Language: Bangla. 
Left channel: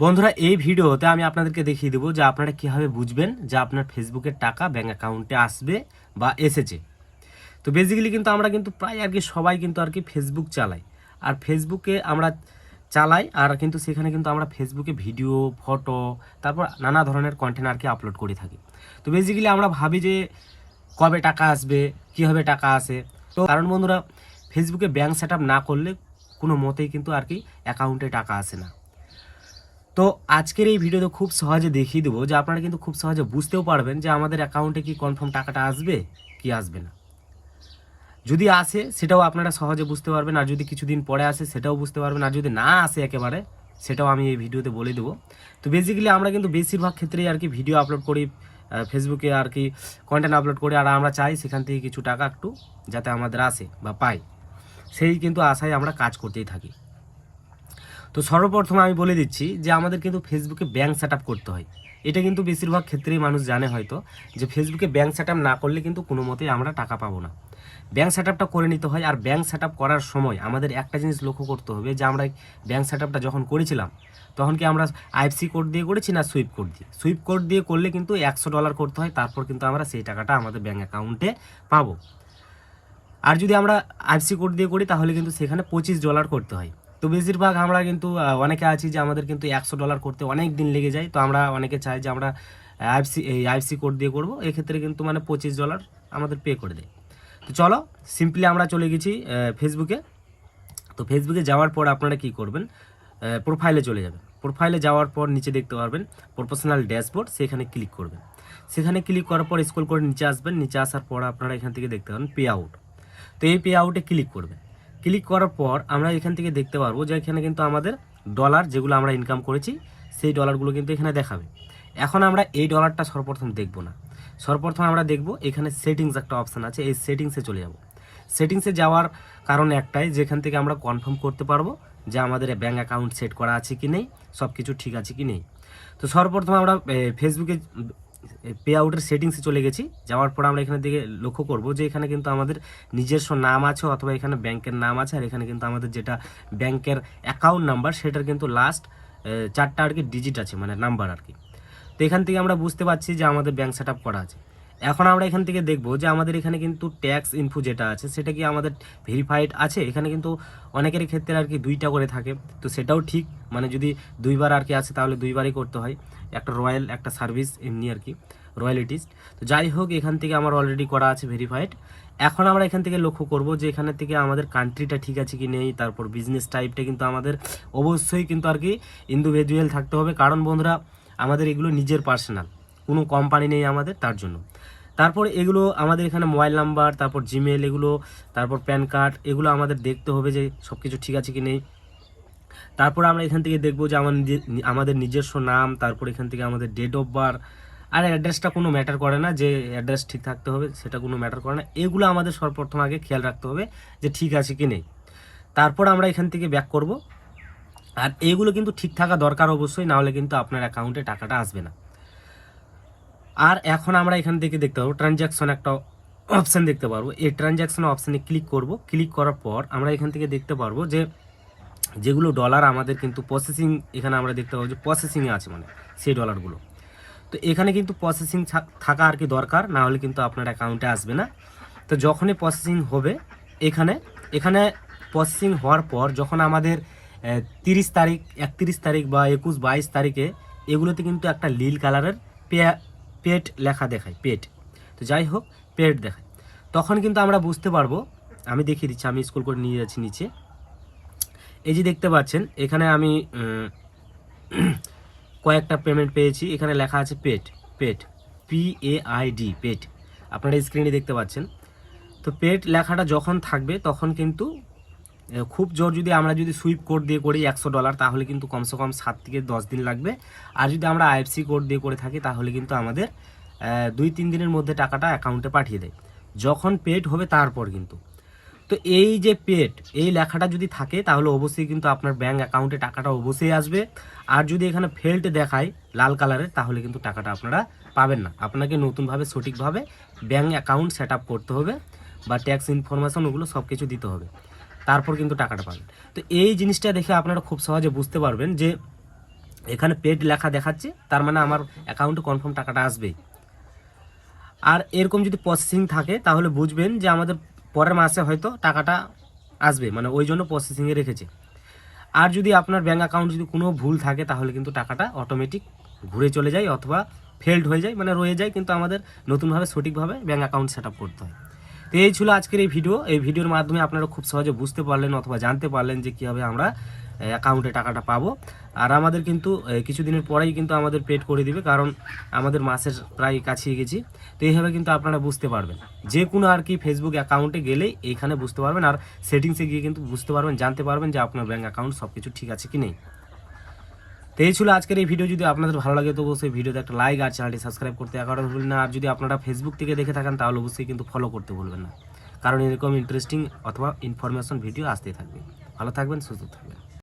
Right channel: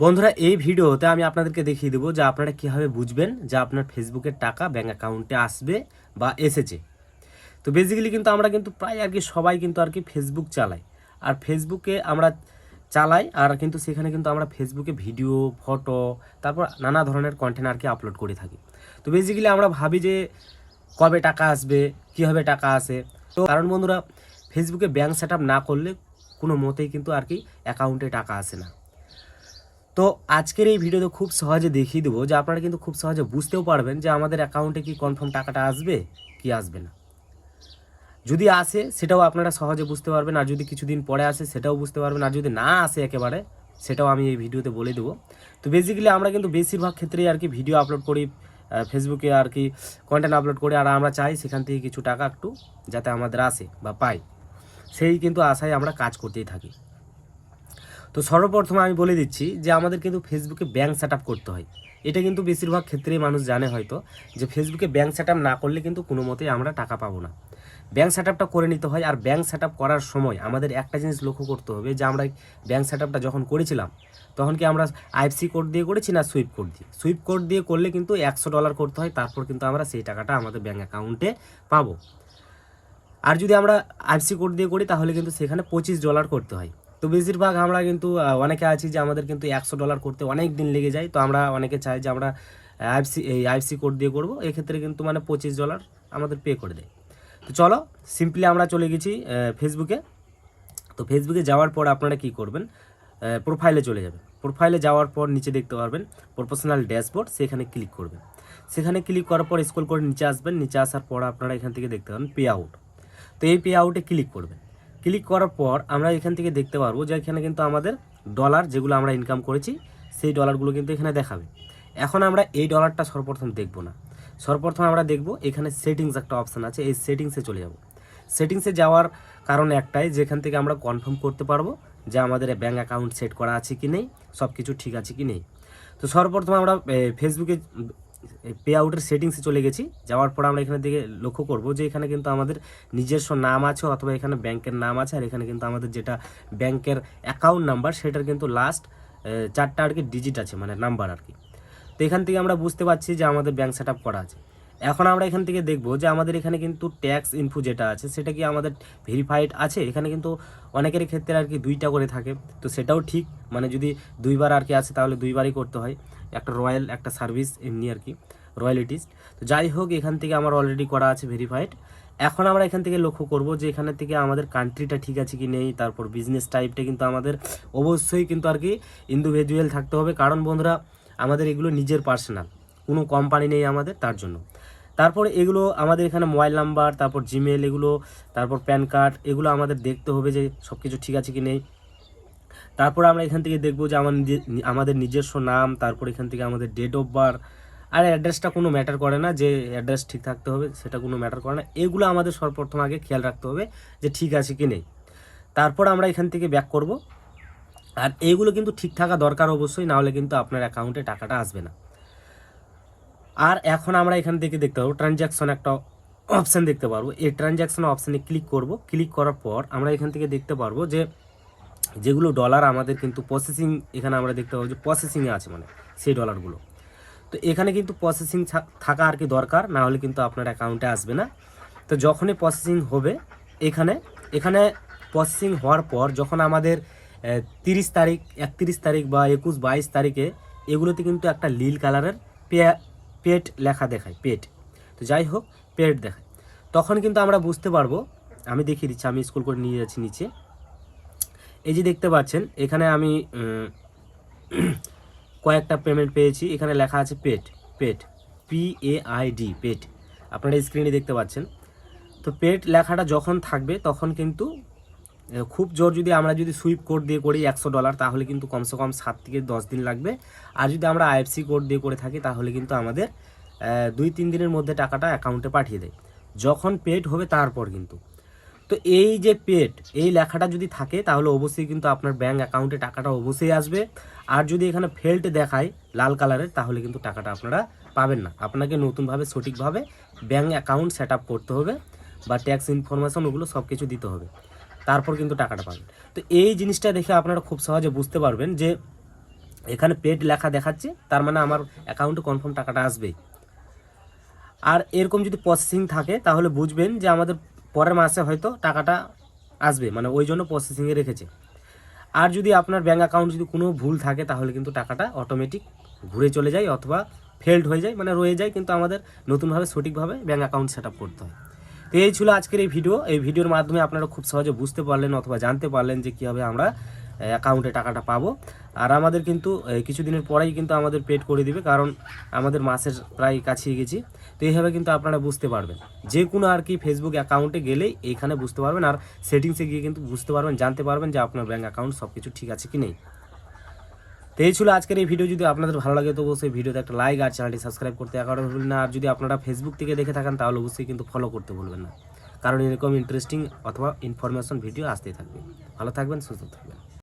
বন্ধুরা, এই ভিডিওতে আমি আপনাদেরকে দেখিয়ে দেবো যে আপনারা কীভাবে বুঝবেন যে আপনার ফেসবুকের টাকা ব্যাঙ্ক অ্যাকাউন্টে আসবে বা এসেছে। তো বেসিক্যালি কিন্তু আমরা কিন্তু প্রায় সবাই কিন্তু ফেসবুক চালাই। আর ফেসবুকে আমরা চালাই আর কিন্তু সেখানে কিন্তু আমরা ফেসবুকে ভিডিও, ফটো, তারপর নানা ধরনের কন্টেন্ট আপলোড করে থাকি। তো বেসিক্যালি আমরা ভাবি যে কবে টাকা আসবে, কীভাবে টাকা আসে। তো কারণ বন্ধুরা, ফেসবুকে ব্যাঙ্ক সেট না করলে কোনো মতেই কিন্তু অ্যাকাউন্টে টাকা আসে না। তো আজকের এই ভিডিওতে খুব সহজে দেখিয়ে দেবো যে আপনারা কিন্তু খুব সহজে বুঝতেও পারবেন যে আমাদের অ্যাকাউন্টে কি কনফার্ম টাকাটা আসবে কি আসবে না। যদি আসে সেটাও আপনারা সহজে বুঝতে পারবেন, আর যদি কিছুদিন পরে আসে সেটাও বুঝতে পারবেন, আর যদি না আসে একেবারে সেটাও আমি এই ভিডিওতে বলে দেবো। তো বেসিক্যালি আমরা কিন্তু বেশিরভাগ ক্ষেত্রেই ভিডিও আপলোড করি ফেসবুকে, কন্টেন্ট আপলোড করি, আর আমরা চাই সেখান থেকে কিছু টাকা একটু যাতে আমাদের আসে বা পাই, সেই কিন্তু আশায় আমরা কাজ করতেই থাকি। তো সর্বপ্রথম আমি বলে দিচ্ছি যে আমাদের কিন্তু ফেসবুকে ব্যাঙ্ক সেট করতে হয়। এটা কিন্তু বেশিরভাগ ক্ষেত্রেই মানুষ জানে হয়তো, যে ফেসবুকে ব্যাঙ্ক সেট না করলে কিন্তু কোনো মতেই আমরা টাকা পাবো না। ব্যাঙ্ক সেট করে নিতে হয়। আর ব্যাঙ্ক সেট করার সময় আমাদের একটা জিনিস লক্ষ্য করতে হবে যে আমরা ব্যাঙ্ক সেট যখন করেছিলাম তখন কি আমরা আইএফসি কোড দিয়ে করেছি না সুইপ কোড দিয়ে। সুইপ কোড দিয়ে করলে কিন্তু $100 করতে হয়, তারপর কিন্তু আমরা সেই টাকাটা আমাদের ব্যাঙ্ক অ্যাকাউন্টে পাবো। আর যদি আমরা আইএফসি কোড দিয়ে করি তাহলে কিন্তু সেখানে $25 করতে হয়। তো বেশিরভাগ আমরা কিন্তু অনেকে আছি যে আমাদের কিন্তু $100 করতে অনেক দিন লেগে যায়। তো আমরা অনেকে চাই যে আমরা আইএফসি কোড দিয়ে করবো, এক্ষেত্রে কিন্তু $25 আমাদের পে করে দেয়। তো চলো, সিম্পলি আমরা চলে গেছি ফেসবুকে। তো ফেসবুকে যাওয়ার পর আপনারা কি করবেন, প্রোফাইলে চলে যাবেন। প্রোফাইলে যাওয়ার পর নিচে দেখতে পারবেন প্রফেশনাল ড্যাশবোর্ড, সেখানে ক্লিক করবেন। সেখানে ক্লিক করার পর স্ক্রল করে নিচে আসবেন। নিচে আসার পর আপনারা এখান থেকে দেখতে পাবেন পে আউট। তো এই পে আউটে ক্লিক করবেন। ক্লিক করার পর আমরা এখান থেকে দেখতে পারবো যে এখানে কিন্তু আমাদের ডলার যেগুলো আমরা ইনকাম করেছি সেই ডলারগুলো কিন্তু এখানে দেখাবে। এখন আমরা এই ডলারটা সর্বপ্রথম দেখব না, সর্বপ্রথম আমরা দেখব এখানে সেটিংস একটা অপশান আছে, এই সেটিংসে চলে যাব। সেটিংসে যাওয়ার কারণ একটাই, যেখান থেকে আমরা কনফার্ম করতে পারবো যে আমাদের ব্যাঙ্ক অ্যাকাউন্ট সেট করা আছে কি নেই, সব কিছু ঠিক আছে কি নেই। তো সর্বপ্রথম আমরা ফেসবুকে পে আউটের সেটিংসে চলে গেছি। যাওয়ার পর আমরা এখানে দিকে লক্ষ্য করব যে এখানে কিন্তু আমাদের নিজস্ব নাম আছে অথবা এখানে ব্যাংকের নাম আছে, আর এখানে কিন্তু আমাদের যেটা ব্যাংকের অ্যাকাউন্ট নাম্বার সেটার কিন্তু লাস্ট 4টা ডিজিট আছে, মানে নাম্বার তো এখান থেকে আমরা বুঝতে পারছি যে আমাদের ব্যাংক সেট করা আছে। এখন আমরা এখান থেকে দেখব যে আমাদের এখানে কিন্তু ট্যাক্স ইনফো যেটা আছে সেটা কি আমাদের ভেরিফাইড আছে। এখানে কিন্তু অনেকের ক্ষেত্রে 2টা করে থাকে, তো সেটাও ঠিক, মানে যদি 2বার আছে তাহলে 2বারই করতে হয়। একটা রয়্যাল, একটা সার্ভিস, এমনি রয়্যালিটিস। তো যাই হোক, এখান থেকে আমার অলরেডি করা আছে ভেরিফাইড। এখন আমরা এখান থেকে লক্ষ্য করব যে এখানে থেকে আমাদের কান্ট্রিটা ঠিক আছে কি নেই, তারপর বিজনেস টাইপটা কিন্তু আমাদের অবশ্যই কিন্তু ইন্ডিভিজুয়াল থাকতে হবে, কারণ বন্ধুরা আমাদের এগুলো নিজের পার্সোনাল, কোনো কোম্পানি নেই আমাদের, তার জন্য। তারপর এগুলো আমাদের এখানে মোবাইল নাম্বার, তারপর জিমেল, এগুলো তারপর প্যান কার্ড, এগুলো আমাদের দেখতে হবে যে সব কিছু ঠিক আছে কি নেই। তারপর আমরা এখান থেকে দেখব যে আমাদের নিজস্ব নাম, তারপর এখান থেকে আমাদের ডেট অফ বার্থ। আর অ্যাড্রেসটা কোনো ম্যাটার করে না, যে অ্যাড্রেস ঠিক থাকতে হবে সেটা কোনো ম্যাটার করে না। এগুলো আমাদের সর্বপ্রথম আগে খেয়াল রাখতে হবে যে ঠিক আছে কি নেই। তারপর আমরা এখান থেকে ব্যাক করব। আর এগুলো কিন্তু ঠিক থাকা দরকার অবশ্যই, না হলে কিন্তু আপনার অ্যাকাউন্টে টাকাটা আসবে না। আর এখন আমরা এখান থেকে দেখতে পাবো ট্রানজ্যাকশন একটা অপশান দেখতে পারবো। এই ট্রানজ্যাকশন অপশানে ক্লিক করব। ক্লিক করার পর আমরা এখান থেকে দেখতে পারবো যে যেগুলো ডলার আমাদের কিন্তু প্রসেসিং, এখানে আমরা দেখতে পাবো যে প্রসেসিংয়ে আছে, মানে সেই ডলারগুলো। তো এখানে কিন্তু প্রসেসিং থাকা দরকার, না হলে কিন্তু আপনার অ্যাকাউন্টে আসবে না। তো যখনই প্রসেসিং হবে, এখানে এখানে প্রসেসিং হওয়ার পর যখন আমাদের 30 তারিখ, 31 তারিখ বা 21, 22 তারিখে এগুলোতে কিন্তু একটা নীল কালারের পেড লেখা দেখায়, পেড। তো যাই হোক, পেড দেখায়, তখন কিন্তু আমরা বুঝতে পারবো। আমি দেখিয়ে দিচ্ছি, আমি স্ক্রল করে নিয়ে যাচ্ছি নিচে। এই যে দেখতে পাচ্ছেন এখানে আমি কয়েকটা পেমেন্ট পেয়েছি, এখানে লেখা আছে পেড, পেড, PAID, পেড। আপনারা স্ক্রিনে দেখতে পাচ্ছেন। তো পেড লেখাটা যখন থাকবে তখন কিন্তু খুব জোর, আমরা যদি সুইপ কোড দিয়ে করি $100, তাহলে কিন্তু কমসে কম 7 থেকে 10 দিন লাগবে। আর যদি আমরা আইএফসি কোড দিয়ে করে থাকি তাহলে কিন্তু আমাদের 2-3 দিনের মধ্যে টাকাটা অ্যাকাউন্টে পাঠিয়ে দেয়, যখন পেড হবে তারপর কিন্তু। তো এই যে পেড, এই লেখাটা যদি থাকে তাহলে অবশ্যই কিন্তু আপনার ব্যাঙ্ক অ্যাকাউন্টে টাকাটা অবশ্যই আসবে। আর যদি এখানে ফেল্ড দেখায় লাল কালারের, তাহলে কিন্তু টাকাটা আপনারা পাবেন না। আপনাকে নতুনভাবে সঠিকভাবে ব্যাঙ্ক অ্যাকাউন্ট সেট আপ করতে হবে, বা ট্যাক্স ইনফরমেশন ওগুলো সব কিছু দিতে হবে, তারপর কিন্তু টাকাটা পাবেন। তো এই জিনিসটা দেখে আপনারা খুব সহজে বুঝতে পারবেন যে এখানে পেড লেখা দেখাচ্ছে, তার মানে আমার অ্যাকাউন্টে কনফার্ম টাকাটা আসবেই। আর এরকম যদি প্রসেসিং থাকে তাহলে বুঝবেন যে আমাদের পরের মাসে হয়তো টাকাটা আসবে, মানে ওই জন্য প্রসেসিংয়ে রেখেছে। আর যদি আপনার ব্যাঙ্ক অ্যাকাউন্ট যদি কোনো ভুল থাকে তাহলে কিন্তু টাকাটা অটোমেটিক ঘুরে চলে যায় অথবা ফেল্ড হয়ে যায়, মানে রয়ে যায়, কিন্তু আমাদের নতুনভাবে সঠিকভাবে ব্যাঙ্ক অ্যাকাউন্ট সেট আপ করতে হয়। তো এই ছিল আজকের এই ভিডিও। এই ভিডিওর মাধ্যমে আপনারা খুব সহজে বুঝতে পারলেন অথবা জানতে পারলেন যে কীভাবে আমরা অ্যাকাউন্টে টাকাটা পাবো। আর আমাদের কিন্তু কিছুদিনের পরেই কিন্তু আমাদের পেড করে দিবে, কারণ আমাদের মাসের প্রায় কাছিয়ে গেছি। তো এইভাবে কিন্তু আপনারা বুঝতে পারবেন, যে কোনো আর কি ফেসবুক অ্যাকাউন্টে গেলেই এইখানে বুঝতে পারবেন, আর সেটিংসে গিয়ে কিন্তু বুঝতে পারবেন, জানতে পারবেন যে আপনার ব্যাঙ্ক অ্যাকাউন্ট সব কিছু ঠিক আছে কি নেই। তো এই ছিল আজকের এই ভিডিও। যদি আপনাদের ভালো লাগে তো অবশ্যই ভিডিওতে একটা লাইক আর চ্যানেলটি সাবস্ক্রাইব করতে একেবারে ভুলবেন না। আর যদি আপনারা ফেসবুক থেকে দেখে থাকেন তাহলে অবশ্যই কিন্তু ফলো করতে ভুলবেন না, কারণ এরকম ইন্টারেস্টিং অথবা ইনফরমেশন ভিডিও আসতেই থাকবে। ভালো থাকবেন, সুস্থ থাকবেন।